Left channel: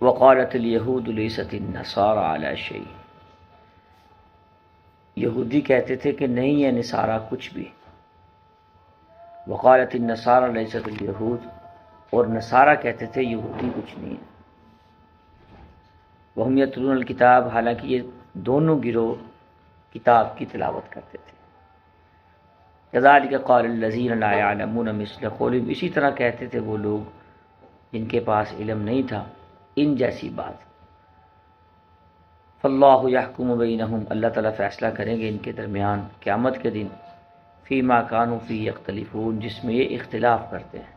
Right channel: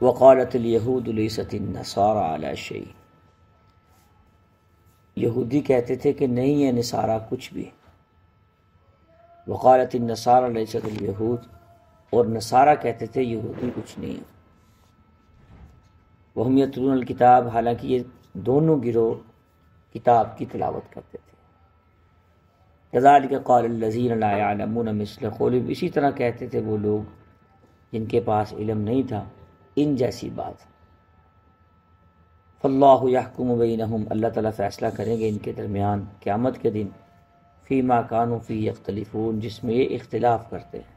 وقالت الیہود لیست النصارى علی شیء، یہودی کہتے تھے کہ نہیں ہے نصارہ کچھ بھی. وقالت النصارى لیست الیہود، اور نصارہ کہتے تھے یہودی کچھ نہیں ہے. وہم یتلون الکتاب، حالانکہ یہ دونوں گروہ کتاب کی تلاوت کرتے تھے. کذالک قال الذین لا یعلمون مثل قولہم، اسی طرح کہتے تھے وہ لوگ جن کے پاس علم نہیں تھا ان جیسی بات. فاللہ یحکم بینہم، اللہ تعالیٰ فیصلہ کریں گے ان کے درمیان قیامت کے دن. فیما کانوا فیہ یختلفون، جس میں یہ اختلاف کرتے ہیں.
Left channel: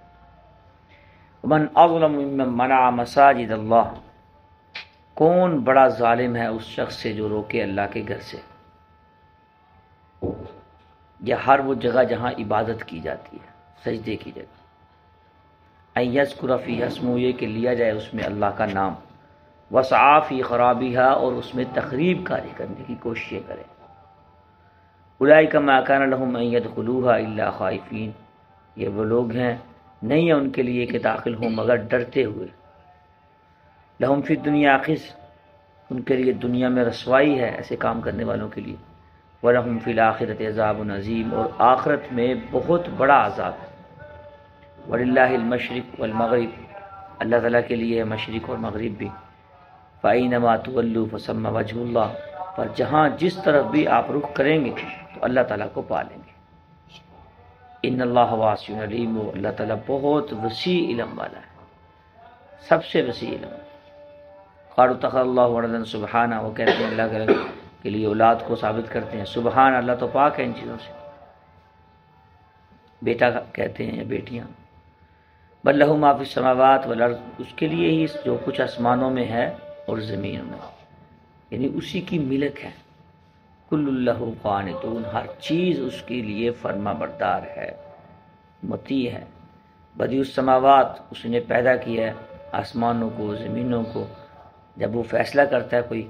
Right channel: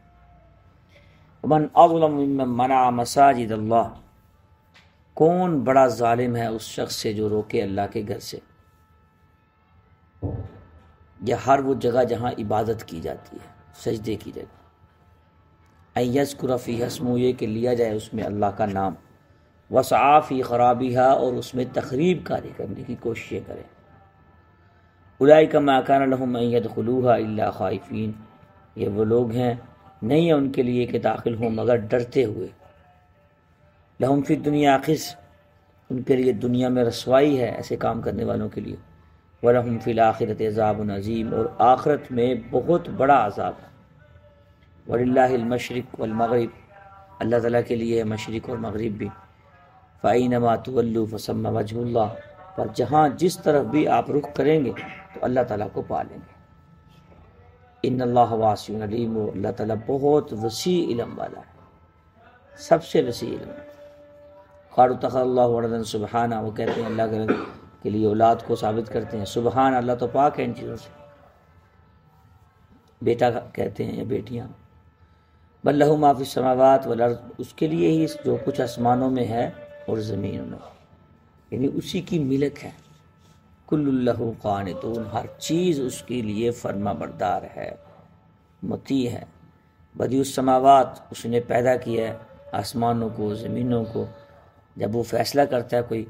ومن اظلم ممن منع مساجد اللہ، کون بڑا ظالم ہے اس شخص سے جو روکے اللہ کے گھر سے، یا ہر وہ جگہ جہاں عبادت کی جاتی ہے، سجدے کی جگہ. ان یذکر فیہا اسمہ، یہ کہ لیا جائے اس میں اللہ کا نام. وسعی فی خرابہا، اور اس میں تخریب کاری کرنے کی کوششیں کریں. اولئک ما کان لہم ان یدخلوہا الا خائفین، یہ وہ لوگ ہیں نہیں ہے ان کے لیے کہ داخل ہوں مگر ڈرتے ہوئے. لہم فی الدنیا خزی، ان کے لیے دنیا میں رسوائی ہے ایسے کام کرنے والوں کے لیے. وَلَهُمْ فِي الْآخِرَةِ عَذَابٌ عَظِيمٌ، اور آخرت میں بہت بڑا عذاب ہے. وَلِلَّهِ الْمَشْرِقُ وَالْمَغْرِبُ، اللہ تعالیٰ کے لیے ہے مشرق اور مغرب بھی. فَأَيْنَمَا تُوَلُّوا فَثَمَّ وَجْهُ اللَّهِ، پر جہاں جس طرف بھی آپ رخ کریں گے تو اللہ تعالیٰ کو پا لیں گے. ان اللہ واسع علیم، اللہ تعالیٰ بہت وسیع علم والا ہے، سب سے وسیع علم. قالوا اتخذ اللہ ولدا سبحانہ، وہ کہتے ہیں اللہ کے لیے اولاد کو ثابت کرتے ہیں. سبحان، اللہ تو پاک ہے ان چیزوں سے. بیٹا کہتے ہیں یا بیٹیاں. بل لہ ما فی السماوات والارض، اس کے لیے ہی جو کچھ آسمانوں میں ہے اور زمین میں، یعنی اسی کی ملک ہے. کل لہ قانتون، ہر چیز اس کے لیے فرما بردار ہے، مطیع ہے. بدیع السماوات، اس نے پیدا کیا ہے آسمانوں کو زمینوں کو. جب وہ فیصلہ کرتا ہے کوئی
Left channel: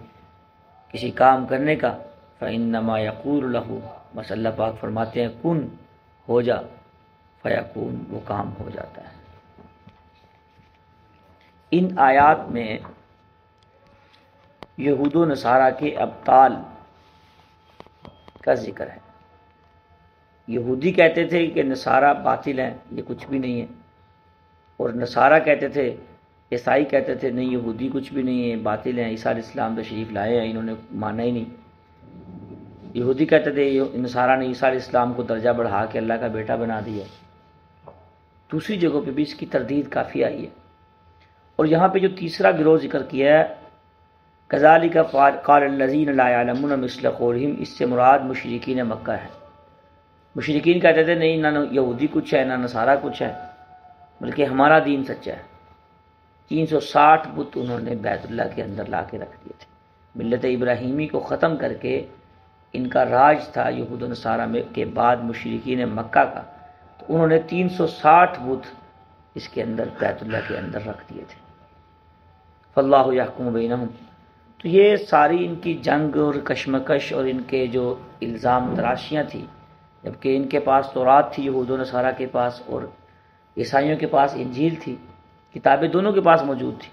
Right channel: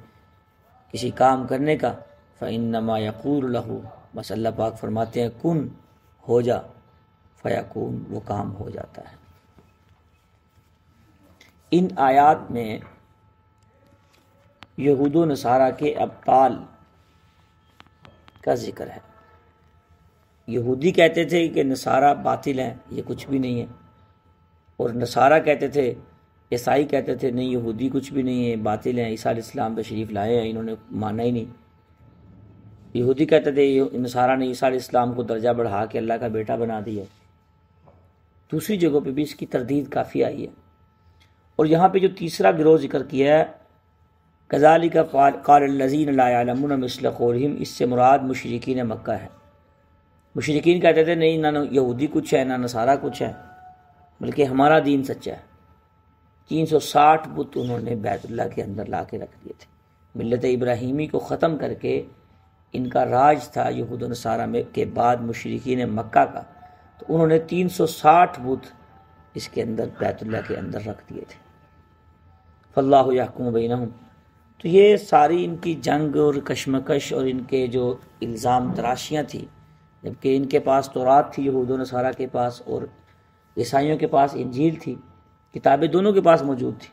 کسی کام کرنے کا، فإنما یقول لہ، بس اللہ پاک فرماتے ہیں کن، ہو جا، فیکون، وہ کام ہو جاتا ہے. ان آیات میں یہود و نصارہ کے ابطال کا ذکر ہے. یہودی کہتے تھے کہ نصارہ باطل ہیں، یہ کچھ بھی نہیں ہے. اور نصارہ کہتے تھے، عیسائی کہتے تھے نہیں یہودی کچھ بھی نہیں ہے، باطل ہیں، عیسیٰ علیہ السلام تشریف لائے ہیں، انہوں نے مانا ہی نہیں. یہودی کہتے تھے نصارہ نے عیسیٰ علیہ السلام کو درجہ بڑھا کے اللہ کا بیٹا بنا دیا. دوسری جگہوں پہ بھی اس کی تردید کافی آئی ہے. اور یہاں پہ جو تیسرا گروہ ذکر کیا ہے، کذالک قال الذین لا یعلمون مثل قولہم، اس سے مراد مشرکین مکہ ہے. مشرکین کہتے تھے نہیں، نہ یہودی کچھ ہے نہ نصارہ کچھ ہے، بلکہ ہمارا دین سچا ہے. 360 بت انہوں نے بیت اللہ کے اندر لا کے رکھ دیے تھے. ملت ابراہیمی کو ختم کر کے ان کا راج تھا یہود و نصارہ میں کے بعد مشرکین مکہ کا، تو انہوں نے 360 بت اس کے اندر بیت اللہ کے اندر رکھ دیے تھے. فاللہ یحکم بینہم، تو یہ ساری ان کی جنگ اور کشمکش اور ان کے جو الزام تراشیاں تھیں، جبکہ ان کے پاس تورات تھی یہود و نصارہ کے پاس، اور عیسائیوں کے پاس انجیل تھی، کتابیں دونوں کے پاس موجود تھی،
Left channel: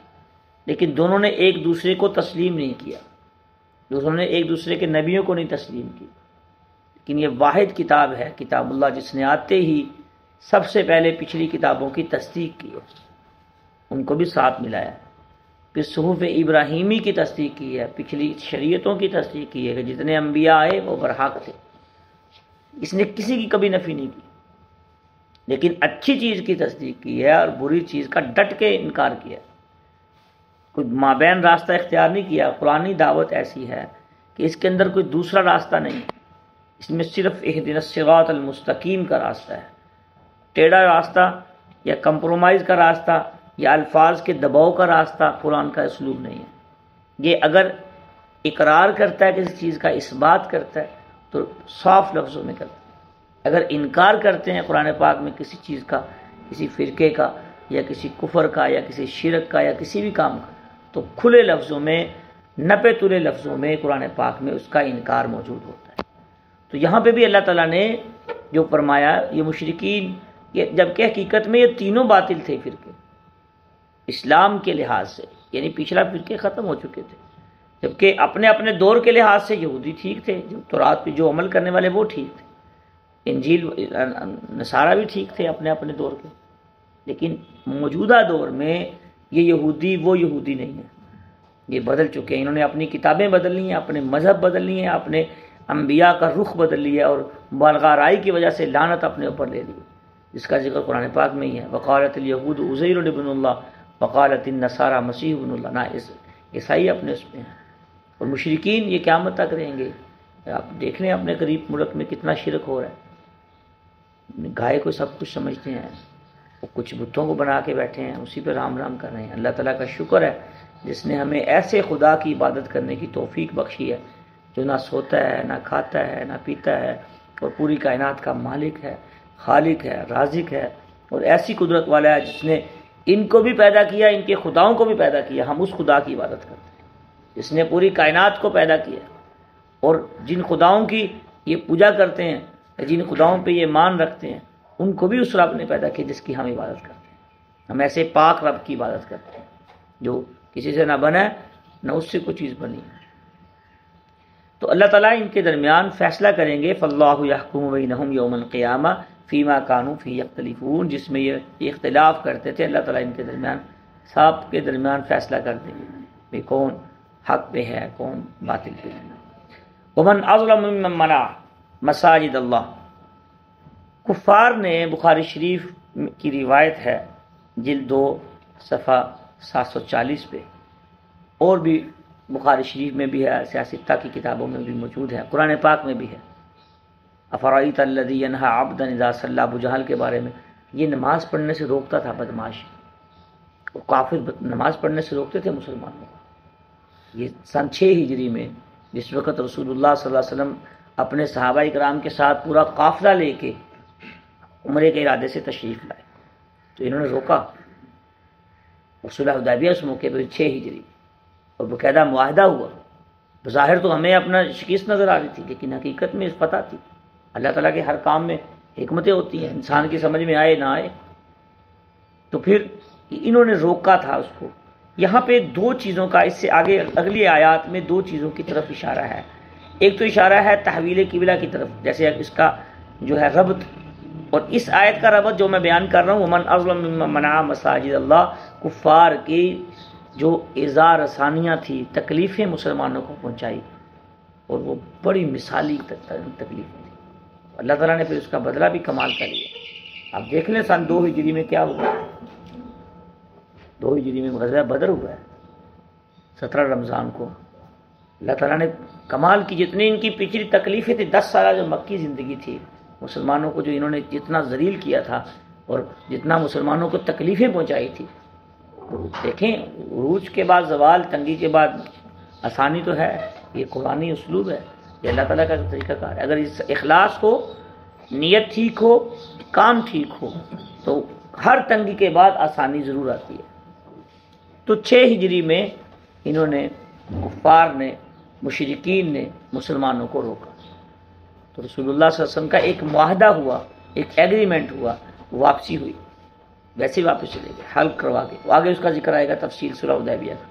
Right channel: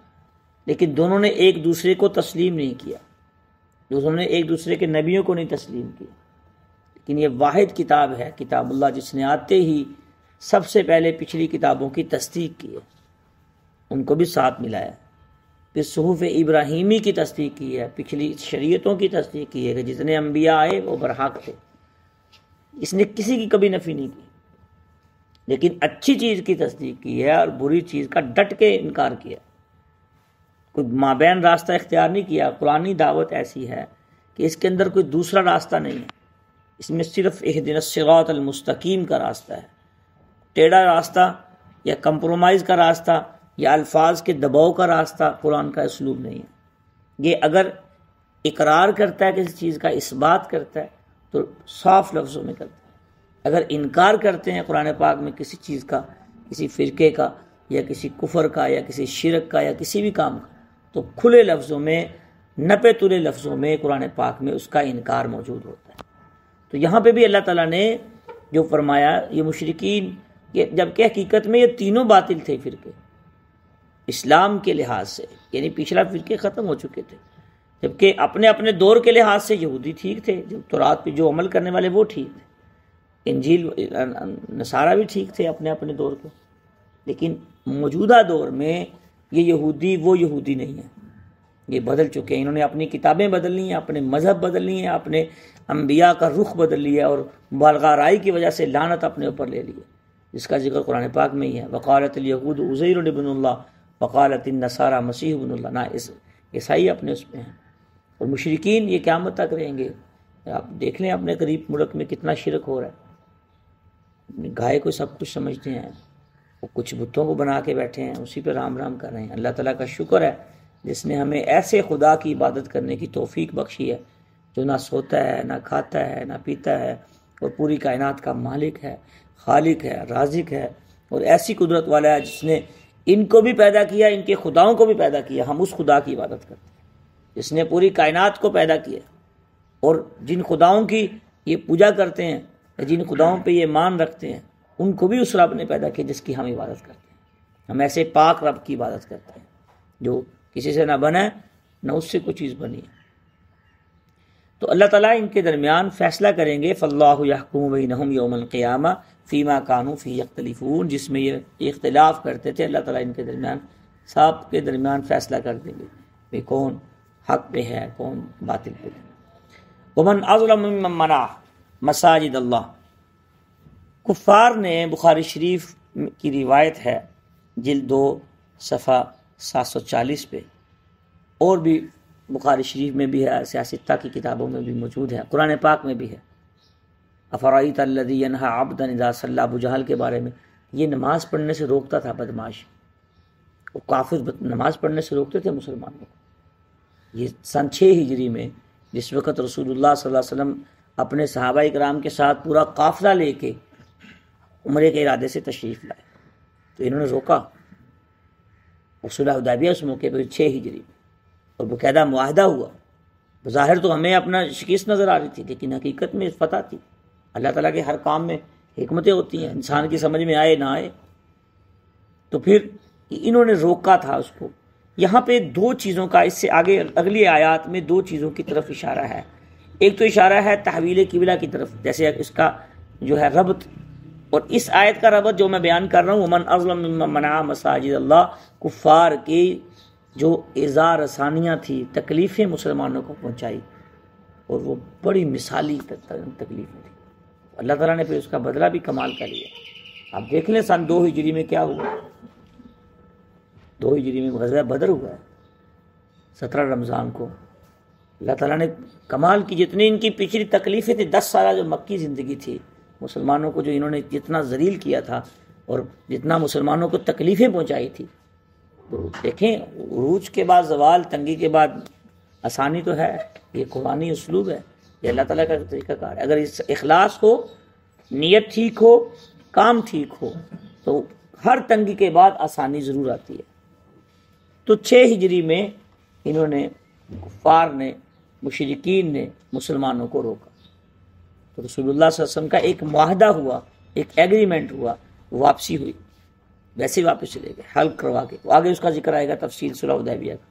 لیکن دونوں نے ایک دوسرے کو تسلیم نہیں کیا، دونوں نے ایک دوسرے کے نبیوں کو نہیں تسلیم کیا. لیکن یہ واحد کتاب ہے کتاب اللہ، جس نے آتے ہی سب سے پہلے پچھلی کتابوں کی تصدیق کی ہے، ان کو بھی ساتھ ملایا ہے. پھر صحف ابراہیمی کی تصدیق کی ہے، پچھلی شریعتوں کی تصدیق کی ہے کہ جتنے انبیاء آئے وہ برحق تھے. اس نے کسی کی کبھی نفی نہیں کی، لیکن اچھی چیز کی تصدیق کی ہے اور بری چیز کا ڈٹ کے انکار کیا. کوئی مابین راستہ اختیار نہیں کیا. قرآنی دعوت ایسی ہے کہ اس کے اندر کوئی دوسرا راستہ نہیں ہے، اس میں صرف اہدنا الصراط المستقیم کا راستہ ہے. ٹیڑھا راستہ یا کمپرومائز کا راستہ یا الفاظ کے دباؤ کا راستہ قرآن کا اسلوب نہیں ہے. یہ اگر اقرار کرتا ہے کسی چیز کا، اس بات کرتا ہے تو صاف لفظوں میں کرتا ہے. اگر انکار کرتے ہیں قرآن پاک میں کسی چیز کا، کسی فرقے کا یا کسی کفر کا یا کسی شرک کا یا کسی بھی کام کا، تو کھلے لفظوں میں، نپے تلے لفظوں میں قرآن پاک میں اس کا انکار موجود ہوتا ہے. تو یہاں پہ بھی اللہ تعالیٰ نے جو فرمایا، یہ مشرکین، یہ جبکہ حقیقت میں یہ تینوں باطل تھے فرقے. اسلام کے لحاظ سے، یعنی پچھلا فرقے ختم ہو چکے تھے، جبکہ اپنے اپنے دور کے لحاظ سے یہودی ٹھیک تھے، جو تورات پہ جو عمل کرنے والے وہ ٹھیک تھے، انجیل نصارہ بھی ٹھیک تھے اپنے اپنے دور کے، لیکن موجودہ دور میں یہ یہودی وہ یہودی نہیں ہے، یہ بدل چکے ہیں، انہوں نے اپنی کتابیں بدل لی ہیں، اپنے مذہب بدل لی ہیں، اپنے انبیاء کا رخ بدل لیا اور مبالغہ رائی کی وجہ سے لعنت اپنے اوپر لے لی، جس کا ذکر قرآن پاک میں ہی ہے۔ وقالت الیہود عزیر ابن اللہ وقالت النصارى مسیح ابن اللہ، نہ عیسائی اپنے اس میں ہیں، اور مشرکین یہ قیامت تک رہیں گے۔ آپ دیکھ لیں اپنے قریب ملک میں کتنا شرک ہو رہا ہے، گائے کو سب کچھ سمجھتے ہیں، وہ کچھ بتوں کو بنا کے بیٹھے ہیں، اسی پہ رام رام کر رہے ہیں۔ اللہ تعالیٰ کا شکر ہے جس نے ہمیں ایسے خدا کی عبادت کرنے کی توفیق بخشی ہے جو نہ سوتا ہے، نہ کھاتا ہے، نہ پیتا ہے، اور پوری کائنات کا مالک ہے، خالق ہے، رازق ہے، اور ایسی قدرت والا ہے جس نے ان کو بھی پیدا کیا، ان کے خداؤں کو بھی پیدا کیا۔ ہم اس خدا کی عبادت کرتے ہیں جس نے پوری کائنات کو پیدا کیا، اور جن خداؤں کی یہ پوجا کرتے ہیں، جن خداؤں پہ یہ مان رکھتے ہیں، ان کو بھی اس رب نے پیدا کیا جس کی ہم عبادت کرتے ہیں۔ ہم ایسے پاک رب کی عبادت کرتے ہیں جو کسی سے نہ بنا ہے، نہ اس سے کوئی چیز بنی ہے۔ تو اللہ تعالیٰ ان کے درمیان فیصلہ کریں گے، فاللہ یحکم بینہم یوم القیامہ فیما کانوا فیہ یختلفون، جس میں یہ اختلاف کرتے تھے، اللہ تعالیٰ ان کے درمیان سب کے درمیان فیصلہ کر دیں گے کہ کون حق پہ ہے، کون باطل پہ ہے۔ ومن اظلم ممن منع مساجد اللہ، کفار نے، بخاری شریف کی روایت ہے جلد 2 صفحہ 740 پہ، اور بھی بخاری شریف میں بھی ہے، سیاستہ کی کتابوں میں بھی موجود ہے، قرآن پاک میں بھی ہے۔ افرأیت الذی ینہی عبدا اذا صلی، ابو جہل کے بارے میں، یہ نماز پڑھنے سے روکتا تھا، بدمعاش، وہ کافر نماز پڑھنے سے روکتے تھے مسلمانوں کو۔ یہ سن 6 ہجری میں، جس وقت رسول اللہ صلی اللہ علیہ وسلم اپنے صحابہ کرام کے ساتھ پورا قافلہ لے کے عمرے کے ارادے سے تشریف لائے، تو انہوں نے روکا، اور صلح حدیبیہ اس موقع پہ 6 ہجری، اور باقاعدہ معاہدہ ہوا۔ بظاہر تو ہمیں اپنا شکست نظر آ رہی تھی، لیکن حقیقت میں فتح تھی۔ اللہ تعالیٰ کے ہر کام میں حکمتیں ہوتی ہیں، انسان کی سمجھ میں آئے نہ آئے۔ تو پھر انہوں نے روکا تھا اس کو۔ یہاں پہ 2 چیزوں کا، اس سے آگے اگلی آیات میں 2 چیزوں کی طرف اشارہ ہے۔ ایک تو اشارہ ہے تحویل قبلہ کی طرف، جیسے اس کا جو ہے ربط، اور اس آیت کا ربط جو میں بیان کر رہا ہوں، ومن اظلم ممن منع مساجد اللہ، کفار کی جو ایذا رسانیاں تھی، تکلیفیں مسلمانوں کو پہنچائی، اور وہ بڑی مثالی تکلیفیں تھیں، اللہ تعالیٰ نے پھر اس کا بدلہ بھی کمال کر لیا۔ آپ دیکھ لیں سن 2 ہجری میں کیا ہوا، 2 ہجری میں غزوہ بدر ہوا ہے 17 رمضان کو۔ اللہ تعالیٰ نے کمال کی، جتنی ان کی پچھلی تکلیفیں تھیں، 10 سالہ جو مکی زندگی تھی، مسلمانوں کو جو انہوں نے جتنا ذلیل کیا تھا اور جتنا مسلمانوں کو تکلیفیں پہنچائی تھی، دیکھیں عروج کے بعد زوال، تنگی کے بعد آسانی تو ہے، یہ قرآنی اسلوب ہے، یہ اللہ تعالیٰ کا طریقہ کار ہے۔ اگر اس اخلاص ہو، نیت ٹھیک ہو، کام ٹھیک ہو، تو ہر تنگی کے بعد آسانی ضرور آتی ہے۔ تو 6 ہجری میں انہوں نے، کفار نے، مشرکین نے مسلمانوں کو روکا، تو رسول اللہ صلی اللہ علیہ وسلم کا ایک معاہدہ ہوا، ایک ایگریمنٹ ہوا، واپسی ہوئی، ویسے واپس چلے گئے حل کروا کے۔ آگے اس کا ذکر آئے گا تفصیل صلح حدیبیہ کا۔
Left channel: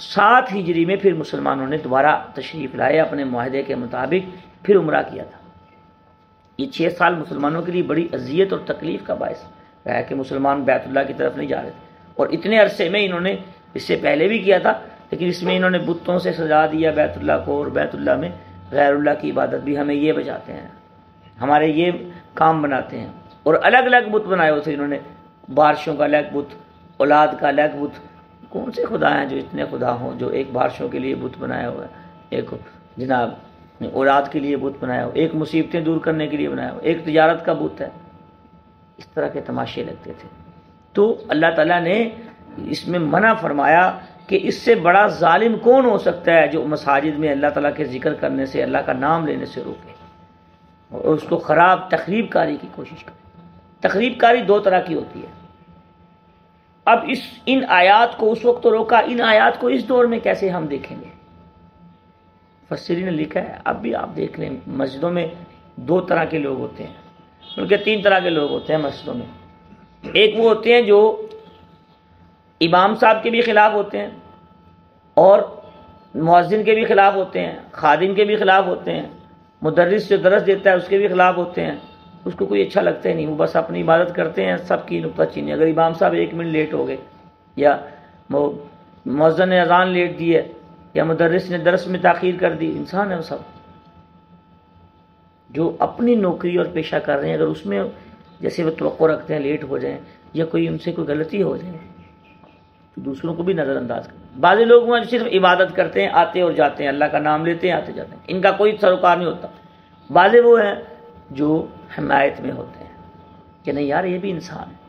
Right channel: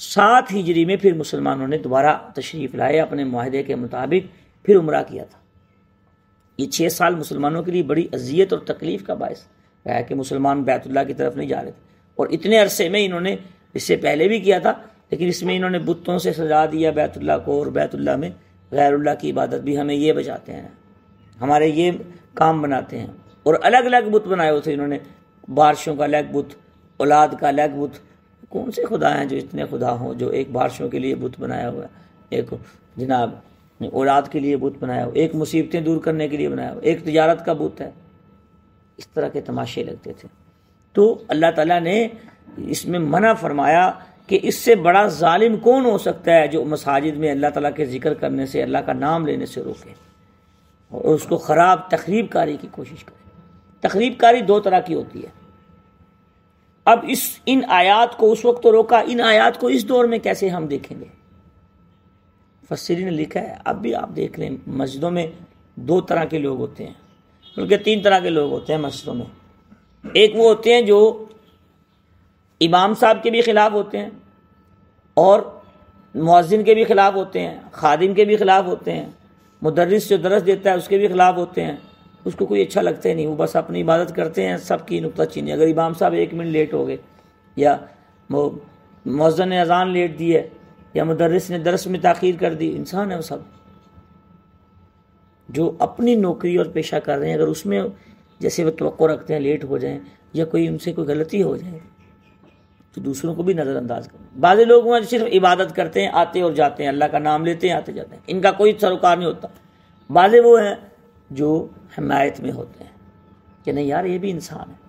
7 ہجری میں پھر مسلمانوں نے دوبارہ تشریف لائے اپنے معاہدے کے مطابق، پھر عمرہ کیا تھا۔ یہ 6 سال مسلمانوں کے لیے بڑی اذیت اور تکلیف کا باعث رہا کہ مسلمان بیت اللہ کی طرف نہیں جا رہے تھے، اور اتنے عرصے میں انہوں نے اس سے پہلے بھی کیا تھا، لیکن اس میں انہوں نے بتوں سے سجا دیا بیت اللہ کو، اور بیت اللہ میں غیر اللہ کی عبادت بھی ہمیں یہ بچاتے ہیں، ہمارے یہ کام بناتے ہیں، اور الگ الگ بت بنائے ہوئے تھے انہوں نے، بارشوں کا الگ بت، اولاد کا الگ بت۔ کون سے خدا ہیں جو اتنے خدا ہوں، جو ایک بارشوں کے لیے بت بنایا ہوا ہے، ایک جناب اولاد کے لیے بت بنایا ہوا، ایک مصیبتیں دور کرنے کے لیے بنایا ہوا، ایک تجارت کا بت ہے۔ اس طرح کے تماشے لگتے تھے۔ تو اللہ تعالیٰ نے اس میں منع فرمایا کہ اس سے بڑا ظالم کون ہو سکتا ہے جو مساجد میں اللہ تعالیٰ کے ذکر کرنے سے، اللہ کا نام لینے سے روکے اور اس کو خراب تخریب کاری کی کوشش کرے۔ تخریب کاری 2 طرح کی ہوتی ہے۔ اب ان آیات کو اس وقت تو روکا، ان آیات کو اس دور میں کیسے ہم دیکھیں گے؟ مفسرین نے لکھا ہے، اب بھی آپ دیکھ لیں، مسجدوں میں 2 طرح کے لوگ ہوتے ہیں، بلکہ 3 طرح کے لوگ ہوتے ہیں مسجدوں میں۔ ایک وہ ہوتے ہیں جو امام صاحب کے بھی خلاف ہوتے ہیں اور مؤذن کے بھی خلاف ہوتے ہیں، خادم کے بھی خلاف ہوتے ہیں، مدرس جو درس دیتا ہے اس کے بھی خلاف ہوتے ہیں. اس کو کوئی اچھا لگتا ہی نہیں، وہ بس اپنی عبادت کرتے ہیں، سب کی نکتہ چینی. اگر امام صاحب 1 منٹ لیٹ ہو گئے یا مؤذن نے اذان لیٹ دی ہے یا مدرس نے درس میں تاخیر کر دی، انسان ہے وہ سب جو اپنی نوکری اور پیشہ کر رہے ہیں. اگر اس میں جیسے وہ توقع رکھتے ہیں لیٹ ہو جائیں یا کوئی ان سے کوئی غلطی ہو جائے تو دوسروں کو بھی نظر انداز کریں. بعض لوگ وہ صرف عبادت کرتے ہیں، آتے اور جاتے ہیں، اللہ کا نام لیتے ہیں، آتے جاتے ہیں، ان کا کوئی سروکار نہیں ہوتا. بعض وہ ہیں جو حمایت میں ہوتے ہیں کہ نہیں یار یہ بھی انسان ہے.